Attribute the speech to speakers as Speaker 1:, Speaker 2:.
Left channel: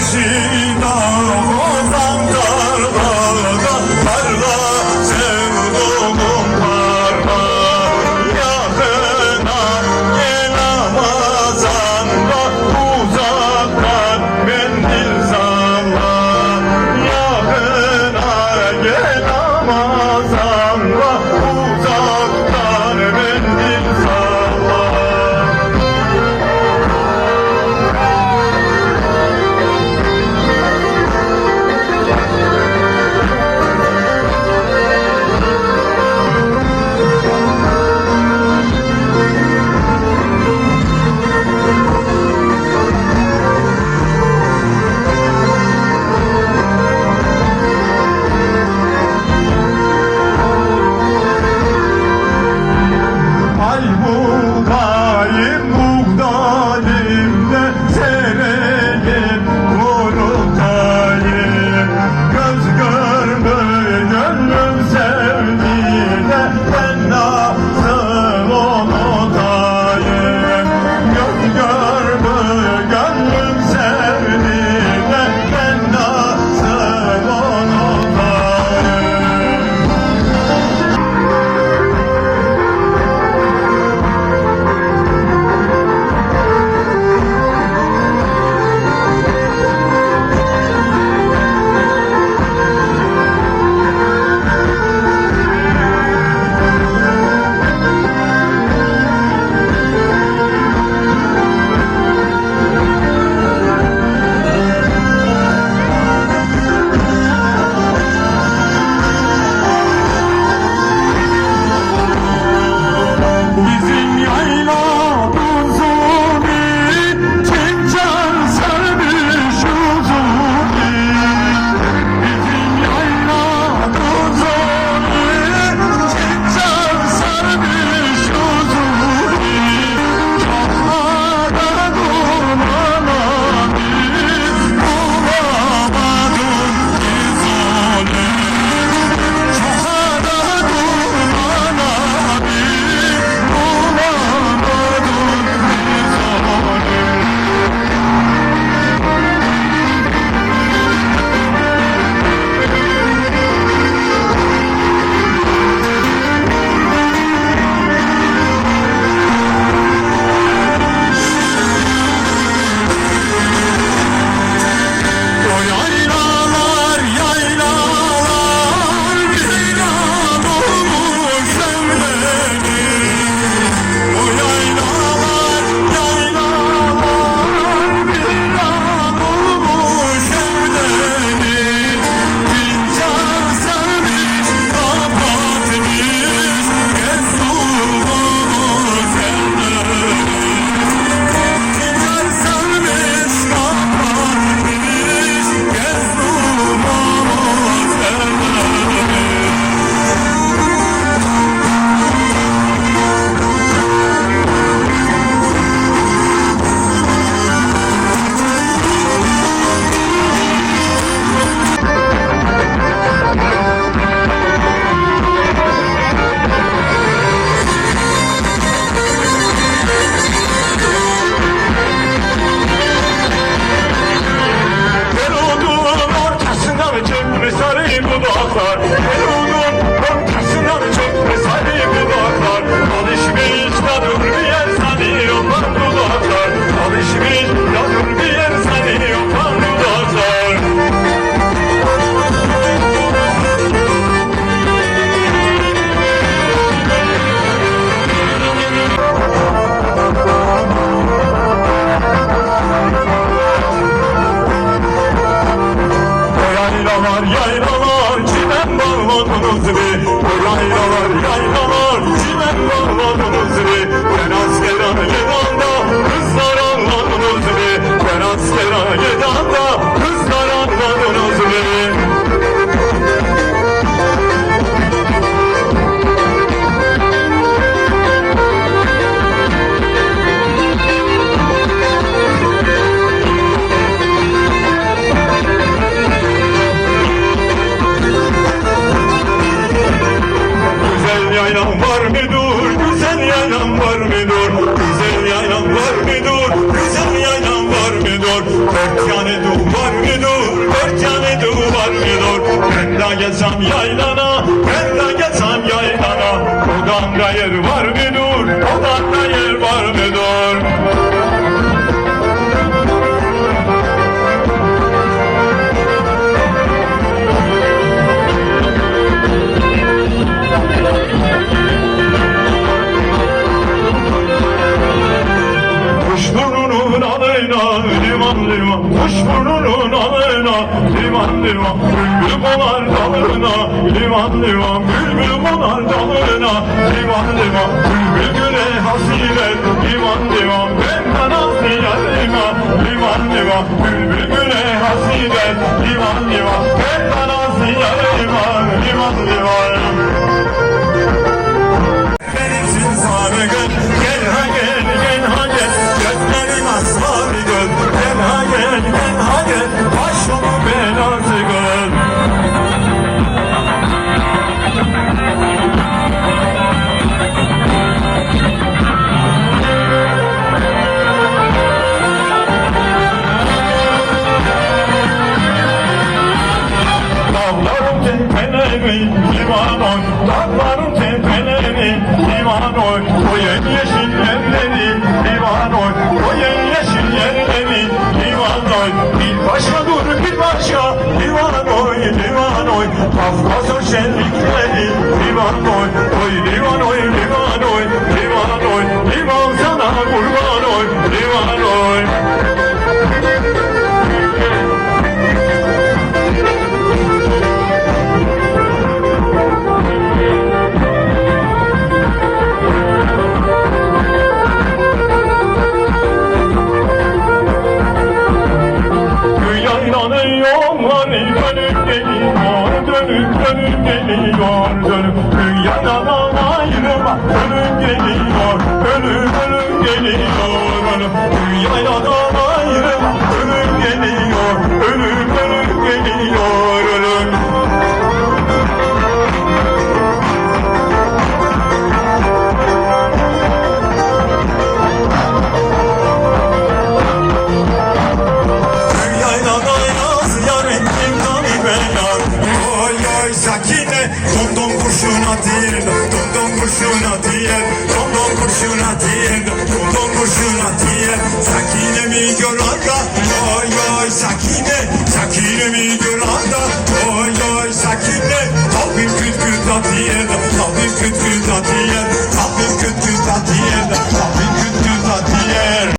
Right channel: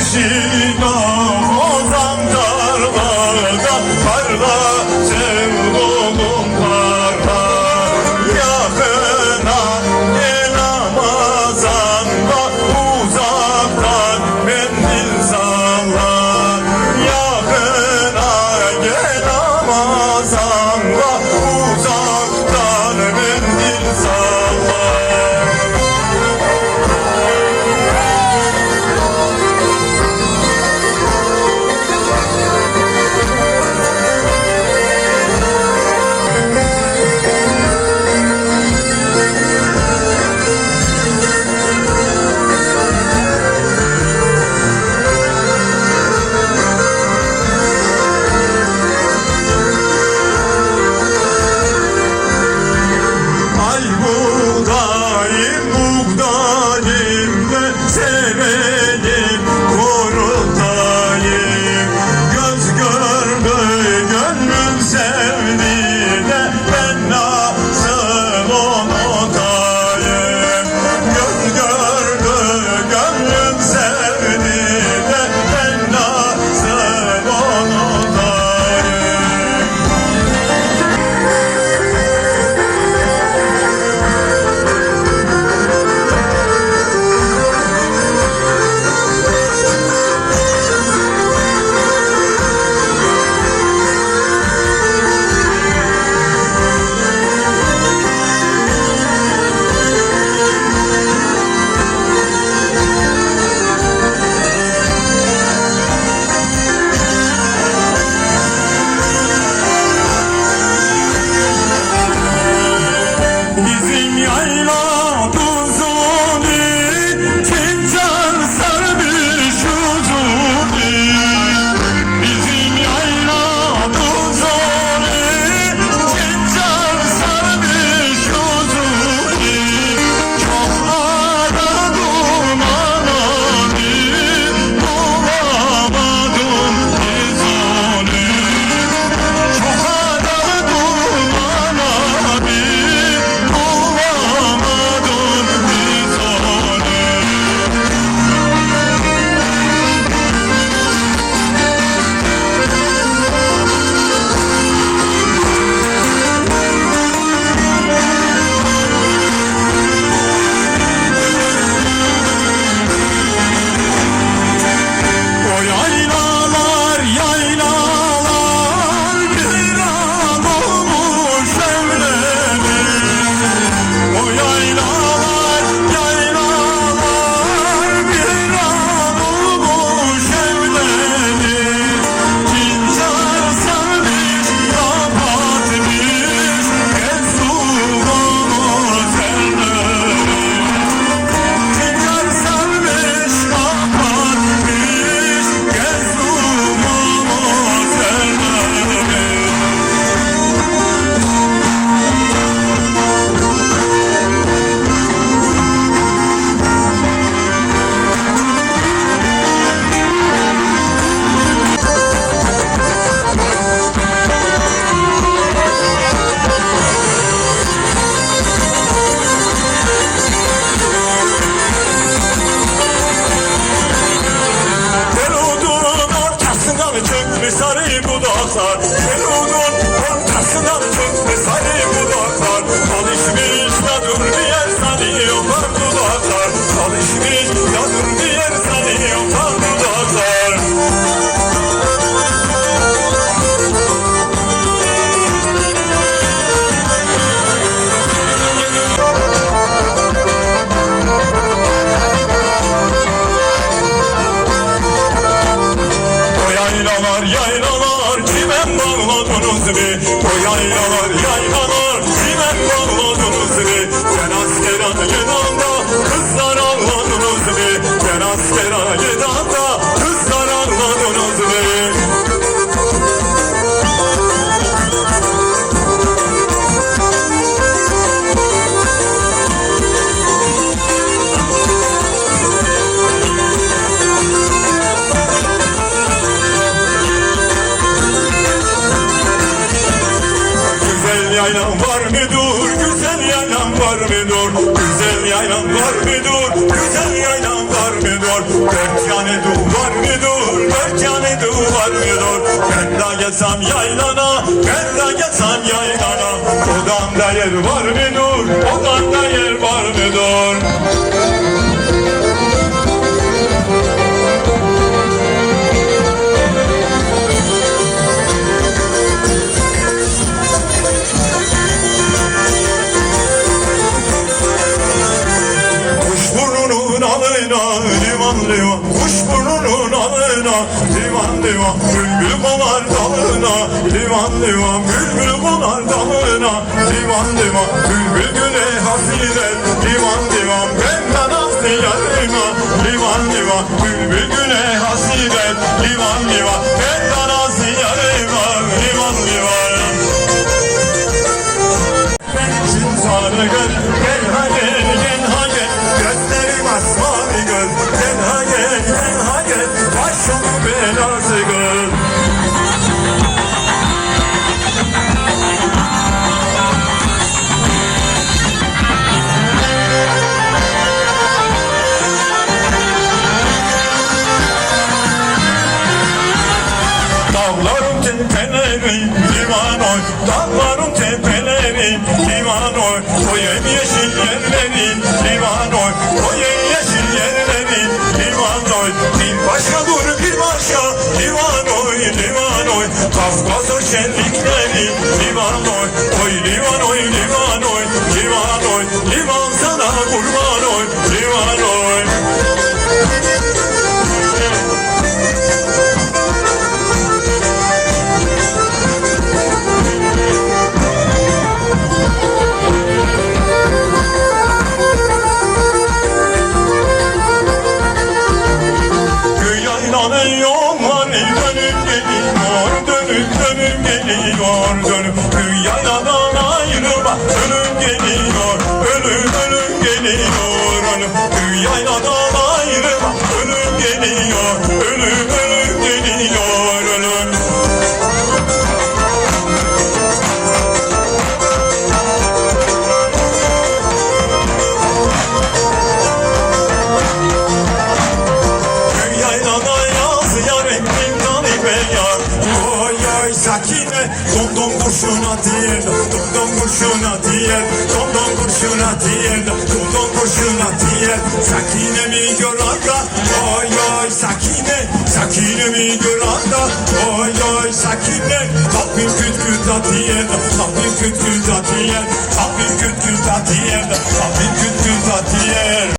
Speaker 1: 信の var mıdır? Güzel yayan var mıdır? Güzel yayan var mıdır? Güzel yayan var mıdır? Tek yani duvar mıdır? Tek yani duvar mıdır? Ben de geçsem yaylana, ben de geçsem yaylana. Odanda yer var mıdır? Odanda yer var mıdır? diyor Kuş burnunun alına. Liman diyor Bülbül konar dalına. Liman Bülbül konar dalına. Liman diyor Bülbül güle hafifet Liman diyor Benden az diyar Bülbül güle hafifet Liman diyor Benden az diyar lima Liman diyor. gönlüm Dünyayla dolu. sakine mi görür?